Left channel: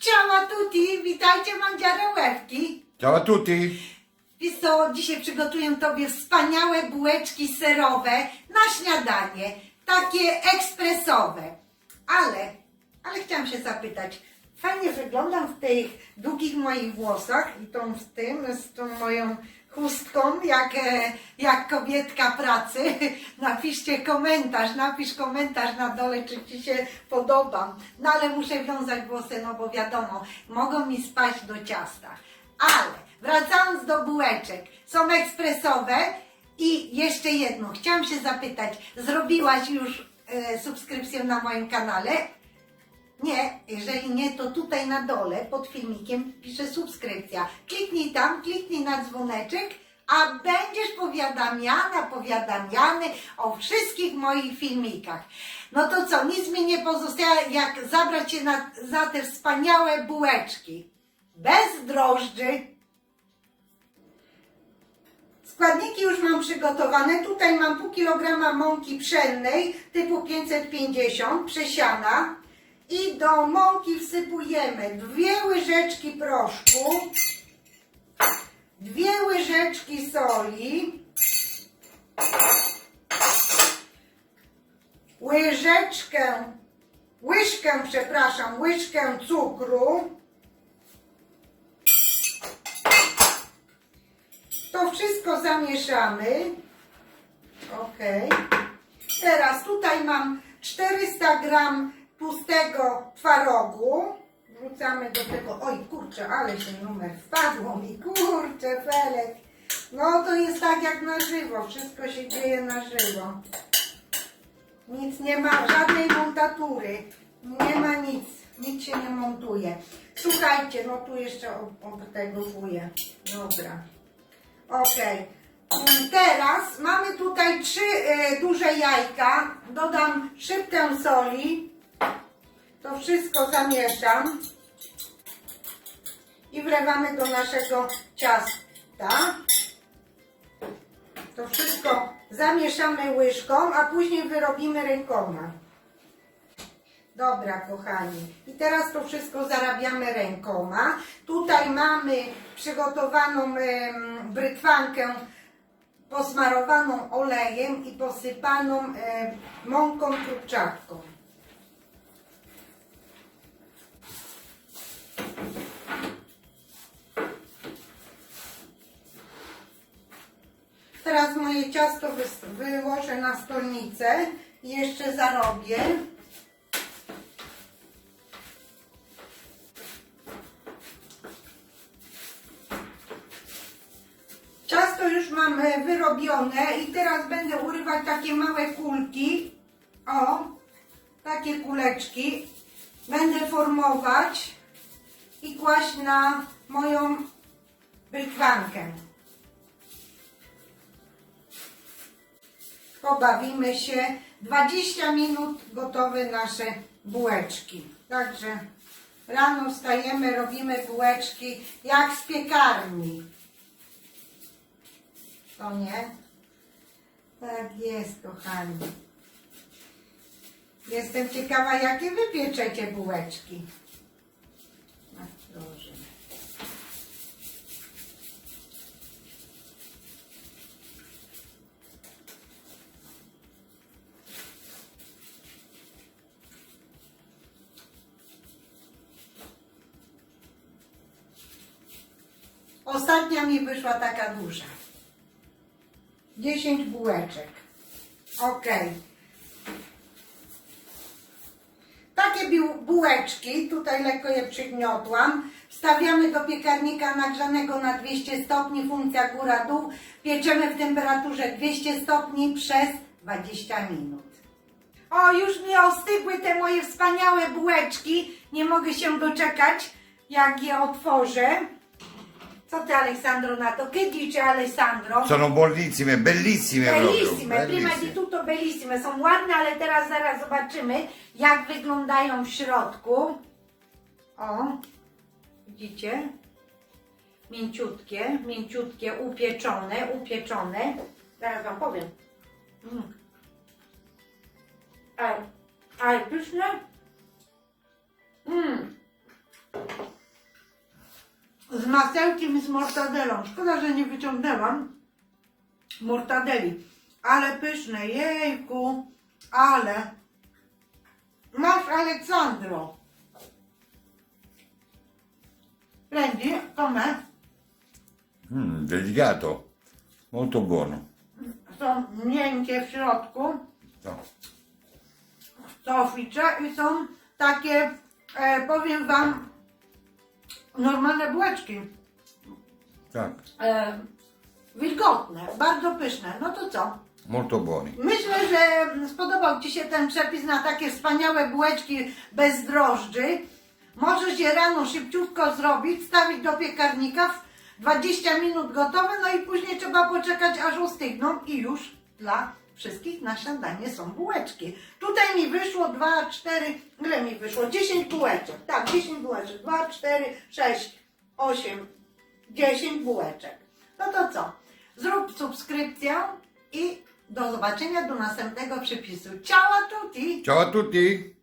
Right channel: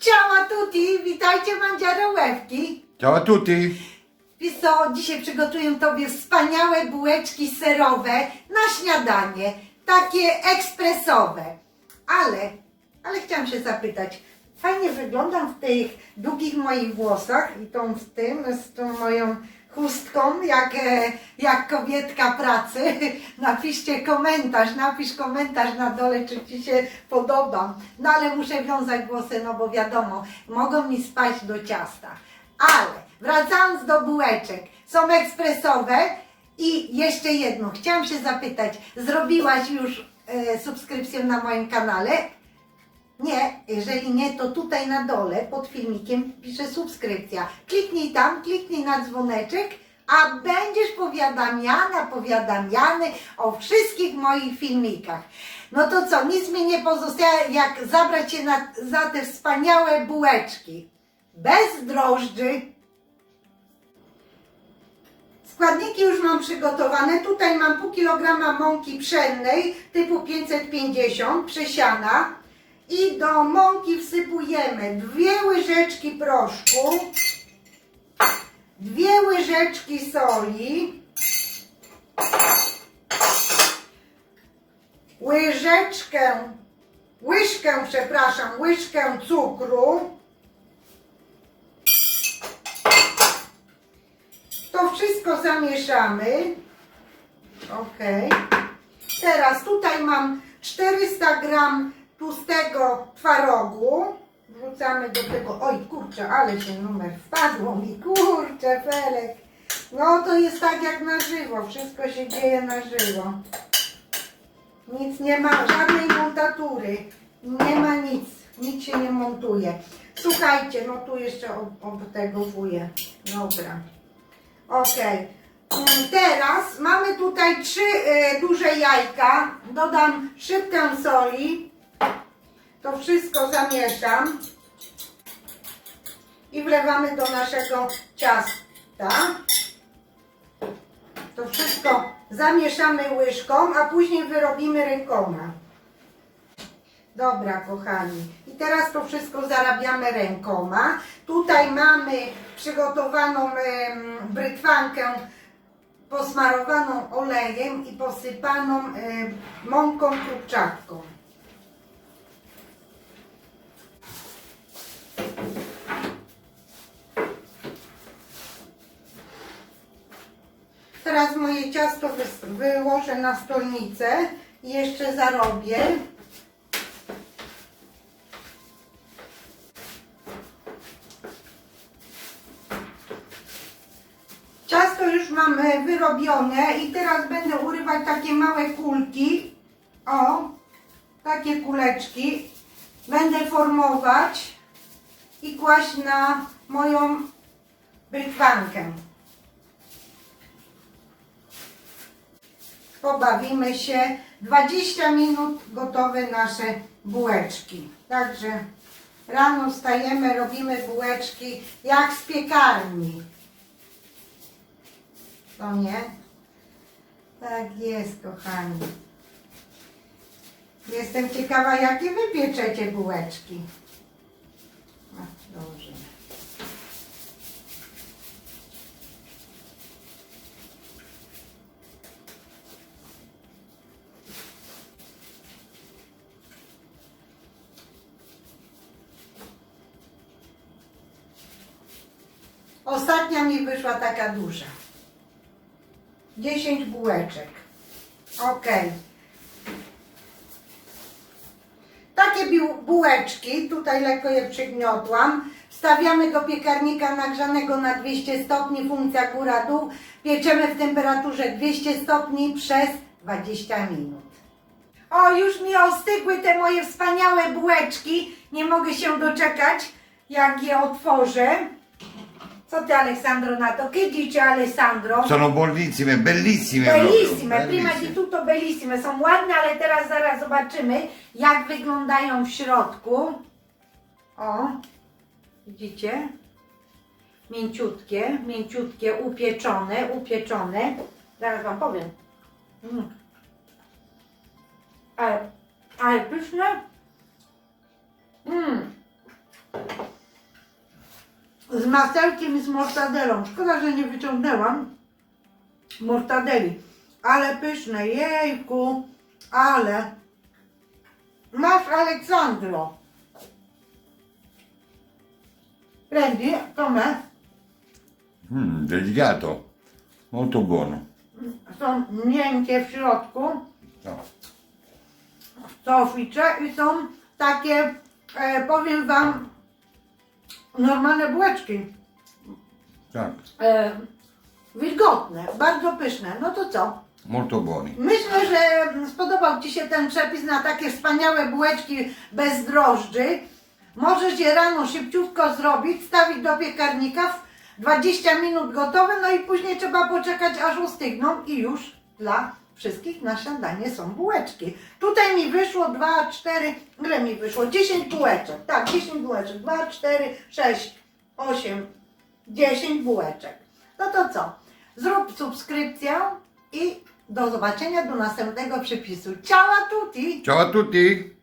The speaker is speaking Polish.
Ciao a tutti, witajcie mandziarołewki. Ciao tutti! Wiesz co, dzisiaj przygotuję Tobie wspaniałe bułeczki serowe na śniadanie, takie ekspresowe. Ale, ale chciałam się zapytać, fajnie wyglądam w tych długich moich włosach i tą z tym, z tą moją chustką, jak, e, jak kobietka pracy. Napiszcie komentarz, napisz komentarz na dole, czy Ci się podobam. No ale muszę wiązać włosy, no bo wiadomo, mogą mi spaść do ciasta. Ale wracając do bułeczek, są ekspresowe i jeszcze jedno, chciałam się zapytać, zrobiłaś już e, subskrypcję na moim kanale? Nie, jeżeli nie, to tutaj na dole pod filmikiem pisze subskrypcja. Kliknij tam, kliknij na dzwoneczek, a będziesz powiadamiana, powiadamiany o wszystkich moich filmikach. No to co, nic mi nie pozostaje, jak zabrać się na, za te wspaniałe bułeczki. Bez drożdży. Składniki już mam przygotowane. Tutaj mam pół kilograma mąki pszennej typu 550 przesiana. I do mąki wsypujemy dwie łyżeczki proszku, dwie łyżeczki soli, łyżeczkę, łyżkę, przepraszam, łyżkę cukru. To wszystko zamieszamy. Ok. Teraz tutaj mam 400 gram tłustego twarogu. Wrzucamy do tego. Oj, kurczę, ale się numer wpadło mi. Kurczę, Felek. No to jest tak jak na żywo. Wszystko się dzieje na żywo. Nic nie ma, żadnej montatury. Nie ma nic. Nic się nie montuje. Słuchajcie, no tu jeszcze ob- obtegowuję. Dobra. Okej. Mm, Teraz mamy tutaj trzy e, duże jajka. Dodam szybkę soli. To wszystko zamieszam. I wlewamy do naszego ciasta. To wszystko zamieszamy łyżką, a później wyrobimy rękoma. Dobra, kochani. I teraz to wszystko zarabiamy rękoma. Tutaj mamy przygotowaną brytwankę posmarowaną olejem i posypaną mąką krupczatką. Teraz moje ciasto wyłożę na stolnicę i jeszcze zarobię. Ciasto już mam e, wyrobione i teraz będę urywać takie małe kulki. O, takie kuleczki. Będę formować i kłaść na moją brytwankę. Pobawimy się. 20 minut gotowe nasze bułeczki. Także rano wstajemy, robimy bułeczki jak z piekarni. To nie? Tak jest, kochani. Jestem ciekawa, jakie wy pieczecie bułeczki. No, dobrze. Ostatnia mi wyszła taka duża. 10 bułeczek. Ok. Takie bułeczki, tutaj lekko je przygniotłam. Wstawiamy do piekarnika nagrzanego na 200 stopni, funkcja góra-dół. Pieczemy w temperaturze 200 stopni przez 20 minut. O, już mi ostygły te moje wspaniałe bułeczki. Nie mogę się doczekać, jak je otworzę. Co ty, Aleksandro, na to? Che dice Alessandro? Sono buonissime, bellissime Bellissime, proprio. prima di bellissime. tutto bellissime. Są ładne, ale teraz zaraz zobaczymy, jak wyglądają w środku. O, widzicie? Mięciutkie, mięciutkie, upieczone, upieczone. Zaraz Wam powiem. Mm. Ale, ale pyszne. Mm. Masełkiem i z mortadelą. Szkoda, że nie wyciągnęłam mortadeli. Ale pyszne, jejku, ale. Masz Aleksandro. Prendi, com'è? Mm, delicato. Molto buono. Są miękkie w środku, No. soficze i są takie, e, powiem wam, normalne bułeczki. Tak. E, wilgotne, bardzo pyszne. No to co? Molto buoni. Myślę, że spodobał Ci się ten przepis na takie wspaniałe bułeczki bez drożdży. Możesz je rano szybciutko zrobić, stawić do piekarnika, w 20 minut gotowe, no i później trzeba poczekać aż ostygną i już dla wszystkich na śniadanie są bułeczki. Tutaj mi wyszło 2, 4, ile mi wyszło? 10 bułeczek. Tak, 10 bułeczek. 2, 4, 6, 8, 10 bułeczek. No to co? Zrób subskrypcję i do zobaczenia do następnego przepisu. Ciao a tutti! Ciao a tutti.